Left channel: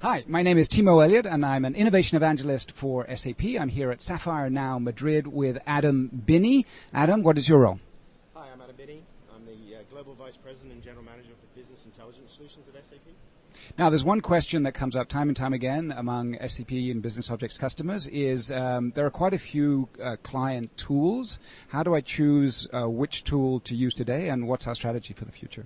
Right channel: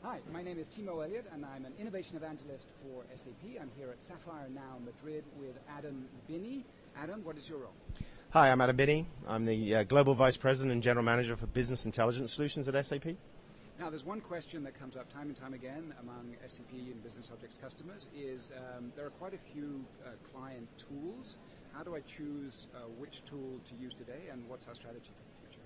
Hi, my name is Timo Elliott, and I'm an innovation evangelist for SAP. I'm here at Sapphire Now Madrid with Adam Binnie. Adam, what is your role? Hi, I'm Adam Binnie. I'm the Global Vice President and General Manager for Business Intelligence Solutions at SAP. Now, there's one question that comes up time and time again among SAP and Business Objects customers is there are quite a few client tools. How do I choose which tool to use today, and what's our strategy for the future?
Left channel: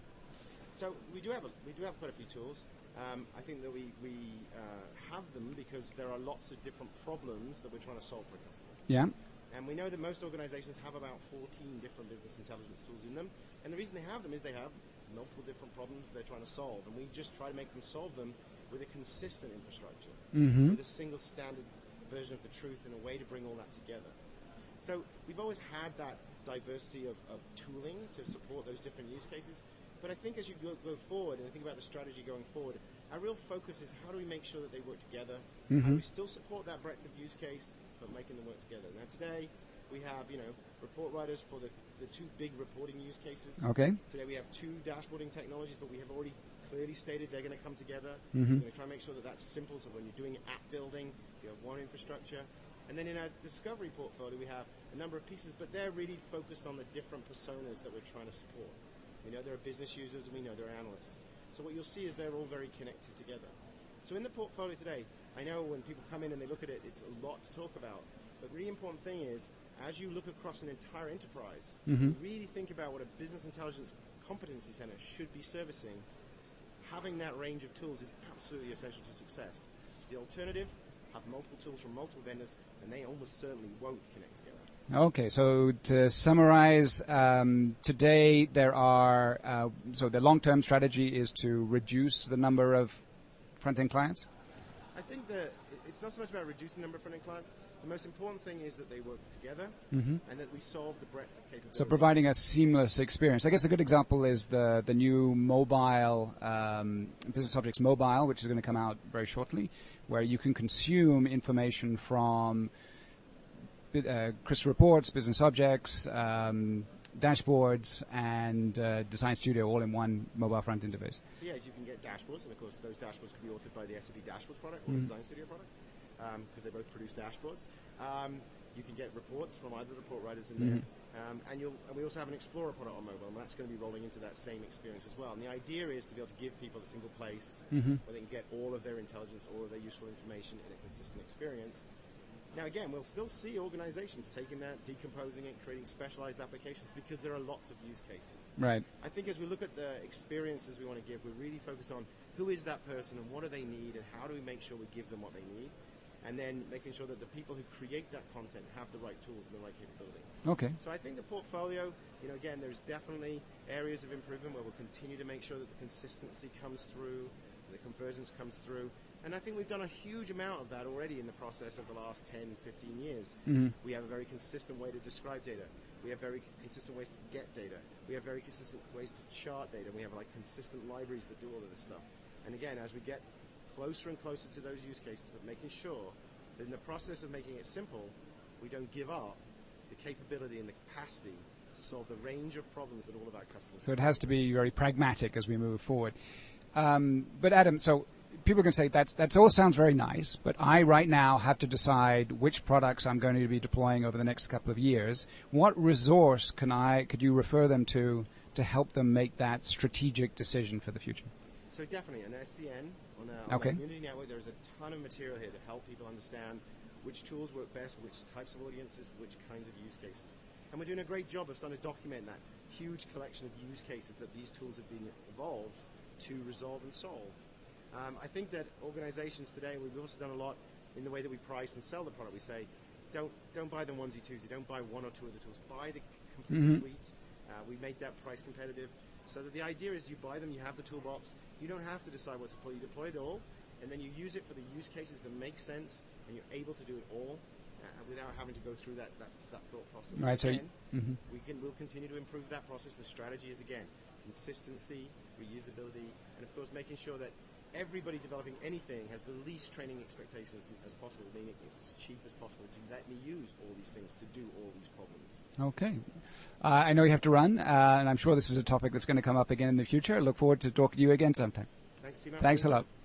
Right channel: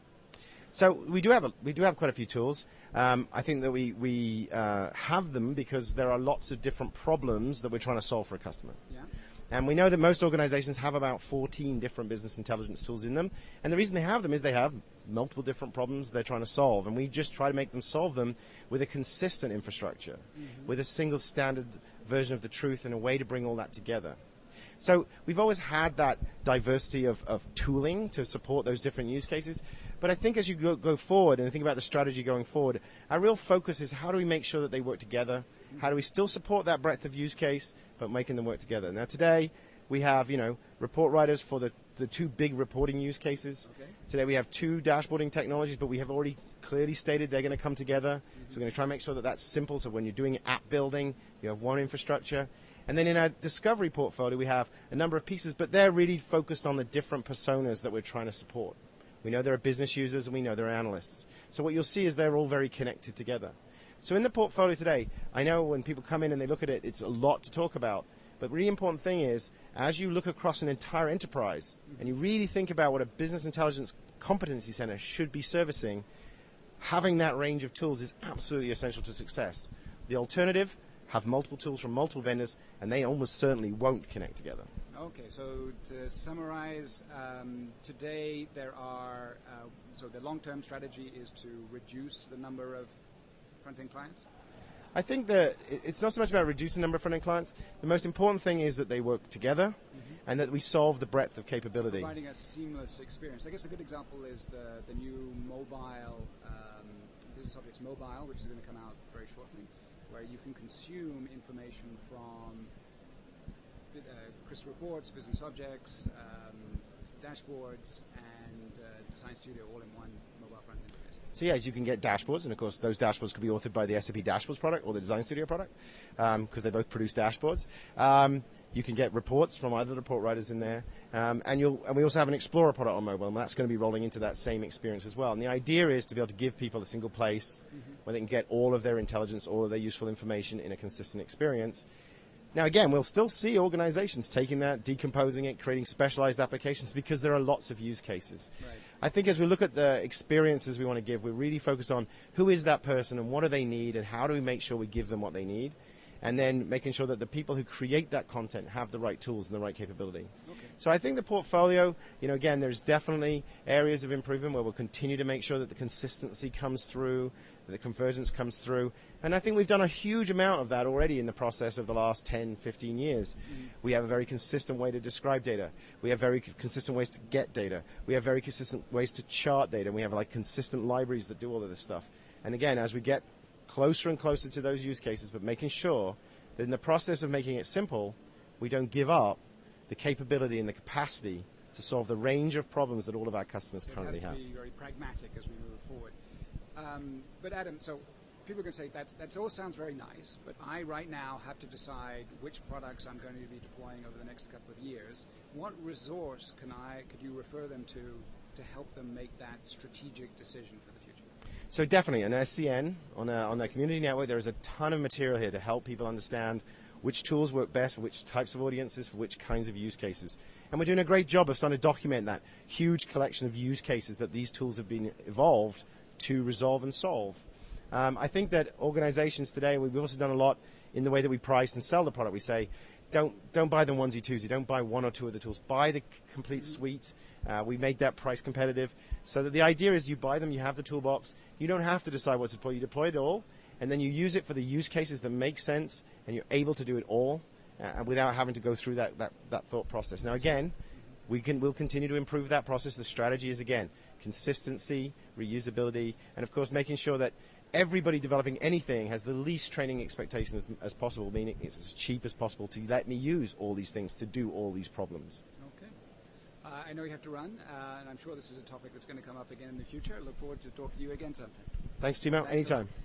So we do have quite a few tools. I think that we have them because there are lots of different problems that we're trying to solve for a customer. Yeah. And we know that most organizations have about 14 different business intelligence tools in them. And the reason they have them is they have multiple different problems they're trying to solve. And we just try to make them solve them with a consistent infrastructure, with a single standard version of the truth and a way to bring all that together. So we've always had that diversity of tooling to support those different use cases. But I think as you go forward and think about the strategy going forward, our real focus is how do we make sure that they work together? How do we still support that breadth of use case, but making them work together? Now today, we have report writers for the two big reporting use cases. Okay. Today we have two dashboarding technologies, but we have already clearly stated they're going to come together. So we're going to try and make sure that that's simple, so when you're doing app building, you have one infrastructure. And then in our discovery portfolio, we have a number of pieces, but they're really focused on the different personas that we're trying to support. We know there are business users and we know there are analysts. So what you'll see is they're all very connected together. So in the portfolio today, I know when people come in and they look at it, it's a lot to talk about. But the really important thing is, as you look across an entire enterprise, and you really think about what a business intelligence competency center should be servicing, having that range of tools is absolutely essential to success. The alternative, have multiple tools from multiple vendors, and they almost certainly won't connect together. Okay, so to summarize, today there are, so the long-term strategy is to reduce the number of front-end clients? I think that it's not so much about reducing the number of front-end clients. The most important thing is that they work together and that we solve the breadth of capability. So providing a seamless experience. I guess a good example is the new mobile, Business Objects Mobile, which is going to come out very shortly, where you can consume information from crystal reports, business objects, dashboards, and Design Studio all in one mobile front interface. So yes, you can get dashboards, and of course those dashboards could be authored by the SAP Dashboards product or the Design Studio product, because they both produce dashboards. You can get reports from either the report writers in there, and we also have an Explorer product on mobile, and that's going to be rolling into that same experience as well. And the idea is to be able to give people a single place where they can get all of their intelligence, all of their useful information in a consistent experience. Now again, we'll still see organizations taking that, decomposing it, creating specialized applications because there are lots of use cases. Right. I think as we look at the experiences we want to give, we're really focused on who is that person and what do they need and how do we make sure we give them what they need, and then making sure that the people who create that content have the right tools and the right capability. Okay. So I think the portfolio, again, there's definitely areas of improvement where we'll continue to make sure that the consistency comes through, that the convergence comes through. And I think we've done a huge amount of that already in the process of the last 10, 15 years. We have a very consistent way to describe data. We have very consistent ways to get data. We have very consistent ways to chart data. And we have consistent libraries that do all of this stuff. And again, as we get closer and closer to those use cases, but making sure that in the process of making it simple, we don't give up the capability and the capacity to solve the range of problems that all of our customers have. So it has to be very pragmatic as we move forward. But Adam, so people can say that all sounds very nice, but I right now have to decide which products I'm going to be deploying over the next couple of years. What resource could you refer them to help them make that strategic decision for the future? So definitely, an SCN on a community network, there is a ton of material here to help people understand which tools work best for which types of audiences, for which kinds of use cases. And we're doing a great job of starting to document that huge collection of use cases that these tools have been evolved to resolve and solve. I think that organizations today, we've also done a lot in the way that we price and sell the product. We say, don't buy the onesie twosie, don't buy one or two of the tools, buy the complete suite. We made that price competitive so that the idea is you buy them, you have the toolbox, you don't have to decide what to deploy, you deploy it all, and then you use it for the use cases that make sense, and you're able to do it all without having to go through that thought process. Now again, we'll continue to improve that process. The strategy is, again, consistency, reusability, and of course making sure that everybody developing anything has the least training expectations as possible, meaning it's as cheap as possible to let me use all these things to do all these problems. Okay. I know you have to run, and I'm sure this is a topic that's going to come up again in the future. I look forward to talking to you again sometime. Thanks, Timo. Thanks a lot. Anytime.